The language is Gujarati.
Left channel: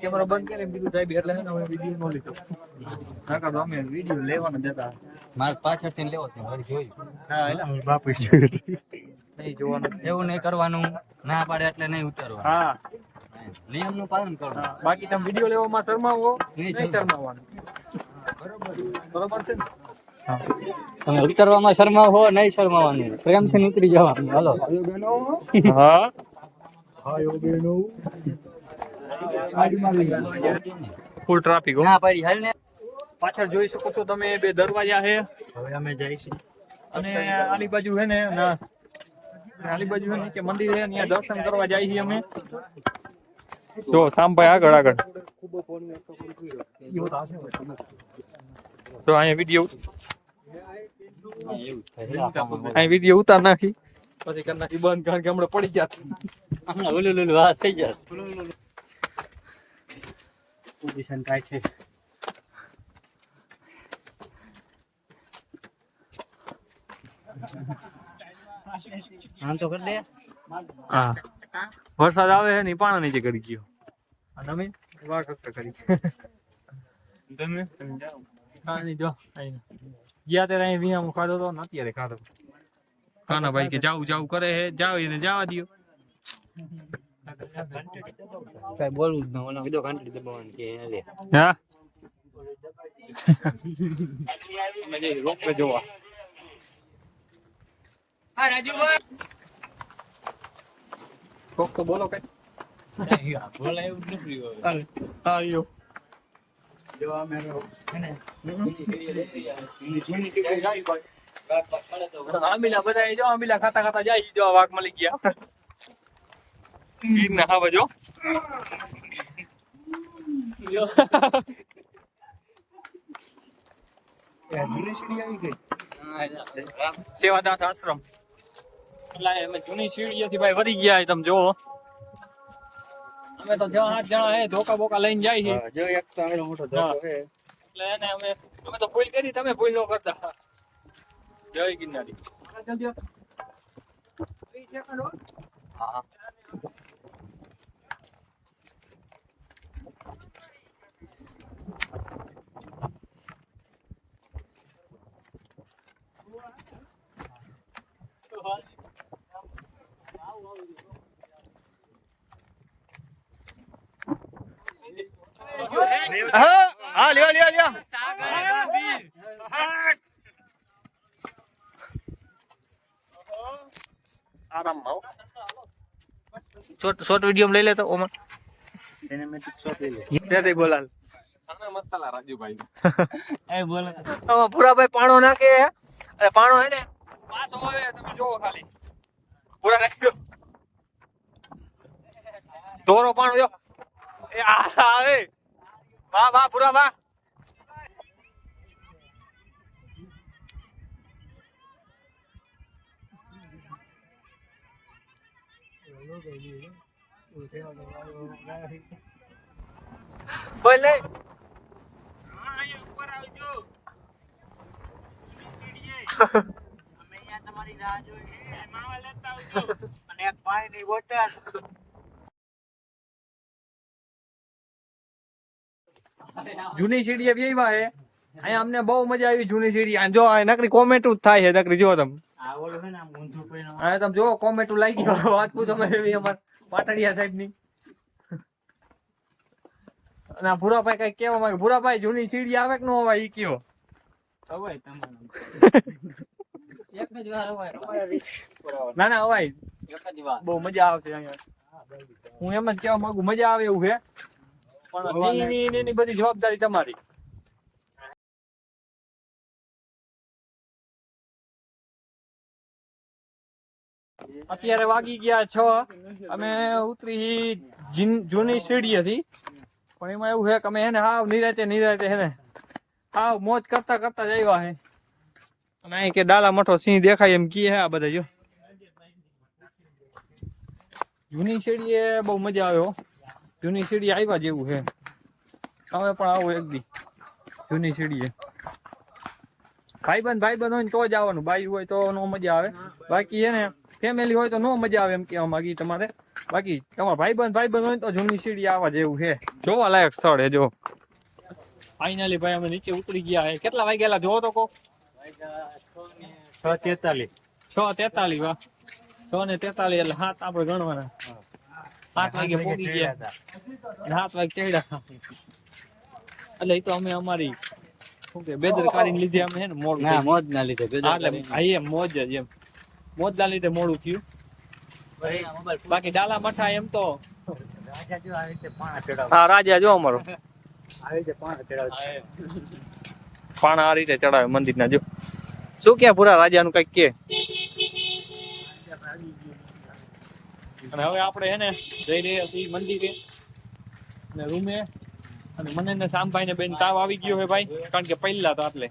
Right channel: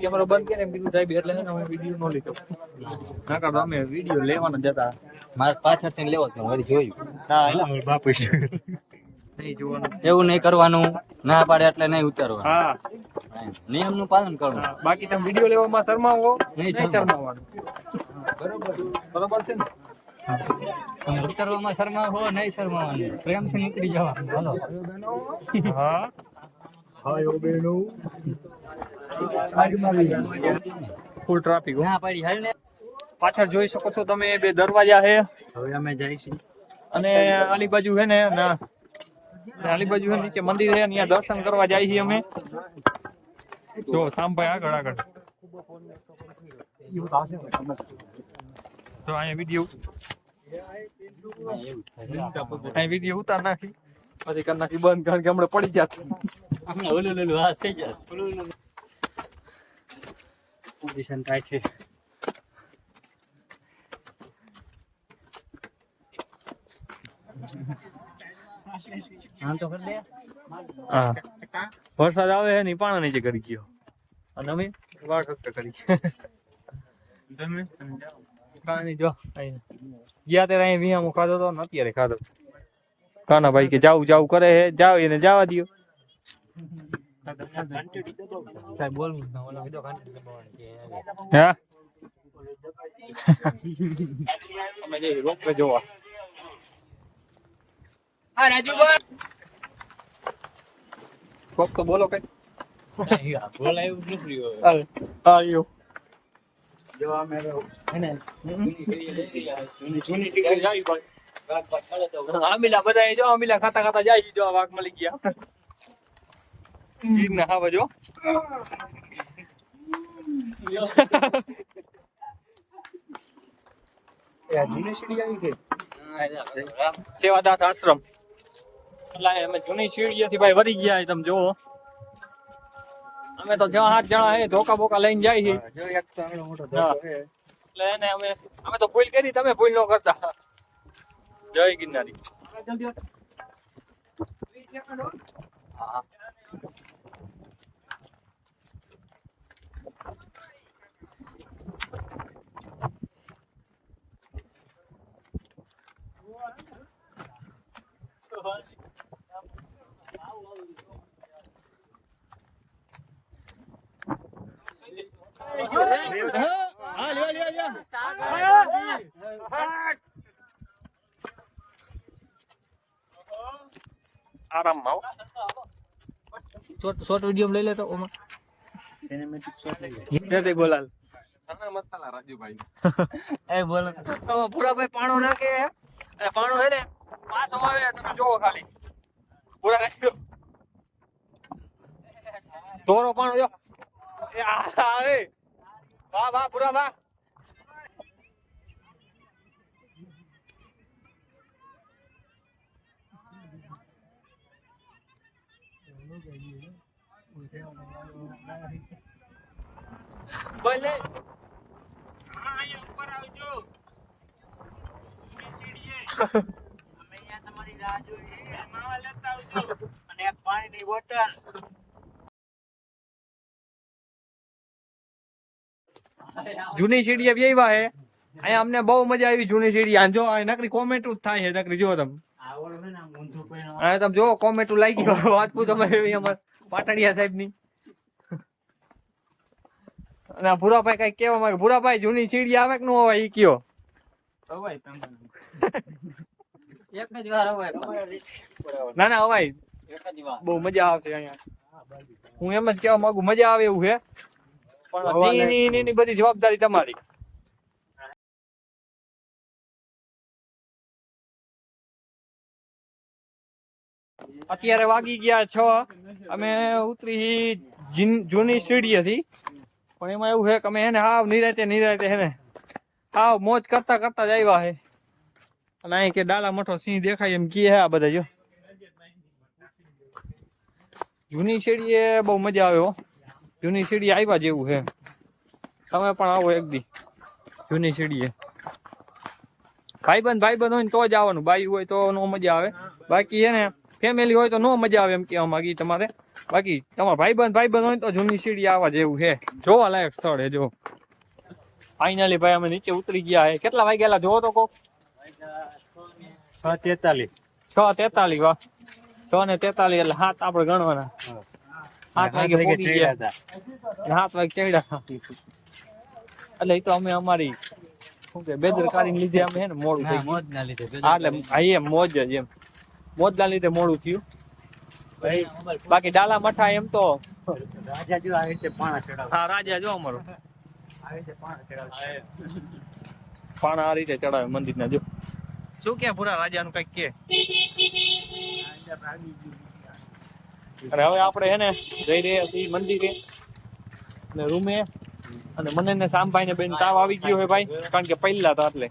કેમેરો બંધ કરે એમ કીધું સાહેબ એટલે અમે વિડીયો નો લીધો ના કાઢો અમે વિડીયો લેવાના જતા મારે પાછળથી લેવો છે મારી જોયું ના એટલે બાપુ નહીં જોવાનું એવું નહીં કરવાનું ના પાડે એટલે નહીં ઉતારવાનું હા નિયમનું પાલન કરવાનું બાકી તમે વિડીયો લેવામાં શરમાવો નહીં શરમાવાનું બરોબર છે ને તમે ઉતરવામાં શરમાવો હો નહીં શરમાવાનું પ્રેમથી ઉતરી જવાનું હાલો હા ફૂલ ટ્રાફિક હો ના પાડી હાલ ને પાછળ જોઈ શકો છો તમે બે દરવાજા છે હવે અમે જઈશું અને આલી બાજુ છે ને ના આલી બાજુ છે નીચે મંદિર છે ત્યાં દર્શન કરવા જાય છીએ અમે જો સામભાઈ આગળ આગળ તો અહીંયા વિડીયો અહીં વિડીયો ઉતાર નાખી પછી કરી નાખી બંધ કારણ કે હમણાં પડી જાત ઓલું વાત થઈ જાય પોઝિશન ટાઈટ છે હા વરસાદ આવે છે ને પાણા નીચે કરી ગયો અને અમે વાળ ખખતા કરી કાંઈ જો ગયા ત્યારે અહીં વિયામાં ખાધો તો ને અત્યારે ખાધો કાના ભાઈ કે જાવું જાવું કરે છે જાવ એને જવા દો સાહેબ બોલવું જ ન ઓલો કીધો ઘંટી દબાવવાનું કે લે હા અમે જઈ રોપવે જોવા હા રાજુભાઈ કોક તો બોલો કઈ બોલાયું નીકળી આયો જો અમે અને જૂની ટીકડી જાય ભાઈ આમીલા બધા જો આમીલા ખાતા ખાતા જાય જો વાઘ મળી ગયા ઈર ના આવે જો સેવાદાસ આશ્રમ એટલે અમે જૂની સીડીએથી ભાઈ વધી ગયા તમે જોવો અમે તો 6-7 જણા હે ધોકા બોકા લઈને જાય છે જો એક તો અમે મોટો હા. ધક્કો છે એટલે એને અમે તો ભૂલ કરી તમે ભૂલ ન કરતા જય ગિરનારી હા હા લ્યો લ્યો લ્યો આરામ માં શોર્ટ વિડીયો લઈ લેતો ઓમાં સિનેમેટિક શોટ લઈ લે દે દે બોલાલ મસાલા રાજુભાઈ એ બોલો આમાં પૂરાભાઈ પાણો નાખે અને પાણો હે ને પાછો આવે તમે જોવો ખાલી પૂરા નાખ્યો દોરો પાણો જો એ આવે વાહ વાહ પૂરા વાહ બોલે અમે અહીંયા તમારી રાહ જોઈએ માવા લેતા આવજો અને એક પાણીની બોટલ જૂની સીડીએ બેવા હે અહીંયા અમને બહુ મજા આવી જૂની સીડી આ જો આ નકરી કોમેન્ટ જ થાય છે નકરી જો તમે આ ઓલું છે ને આમ ઊંધું પહેરવાનું આ તમે જો કોમેન્ટ લાગી ગયો વાત પૂછો એવી અમાર પાટડિયા સાહેબ ની અને આ ભૂરાભાઈ કઈ કેવા માંગે ભૂરાભાઈ જૂની સીડી આવે કે ન આવે ઈ કયો અવાય તમારું એક જ વાર અવાય ના ના અવાય એક જ વાર બહુ મજા આવશે અહીંયા હું એમ જ કહેવા માંગુ મજા આવે એવું છે પણ સિંહ ની બધી જવાબદારી તમારી અત્યારે વાગી ગયા 6 અમે ઉતરી જૂની સીડી હતી પણ એમાં એવું છે કે અમે એને હાવ નિરાતે હે ને હાવ મોજ કરતા કરતા જ આવ્યા છે અને અહીં કે ડાલા મોટો સિંહ દેખાય એમ કી હે આ બધા જો જૂની સીડી એ બહુ મજા આવે હો જૂની સીડી આવ્યા જેવું છે તમે પણ આવો એક દી જૂની સીડીએ ભાઈબંધ હોય ને તો જ આવવાનું બાઈ હોય તો નો મજા આવે બાકી છે ને ફેમિલી હોય તો નો મજા આવે એમ કહેવા માંગી તમારે બાકી તમારા ભાઈબંધ હોય તો જૂની સીડી આવા જેવું છે, જોવા લાયક સ્થળ છે. જો ફાઇનલી ભાઈ અમે નીચે ઉતરી ગયા છે. કેટલા વાગ્યા જોવો તો કોક? 6:43. 6:43. વાહ, 6:43 એટલે 7 આપણે ગણવાના. 7 વાગે પહોંચી ગયા, 7 વાગે ચડ્યા. એટલે એ તો અમે અમારી શું કે બેદરકારીને લીધે અમે હે ને મોડું થઈ ગયું. મોજ ના લીધે હા એટલે એમ મોજ જ એમ મોજના લીધે મોડું થયું. બાકી ડાલા મઠા એમ તો રાજા જો આવી રીતે પાણા ચડાવે. હા રાજા જો અમારો આવી રીતે પાણા ચડાવે. પાણા આ રીતે ચડાવે મંદિરના. જો શું કે પૂરા રાજાનું કઈક કે. અને હવે આપણે હે ને જઈ રહ્યા છીએ મંદિરે અને રૂમે. અને મને ને શામભાઈ ને બેન તાવ આવી ગયો હે ભાઈ, કારણ કે પહેલા હતા એટલે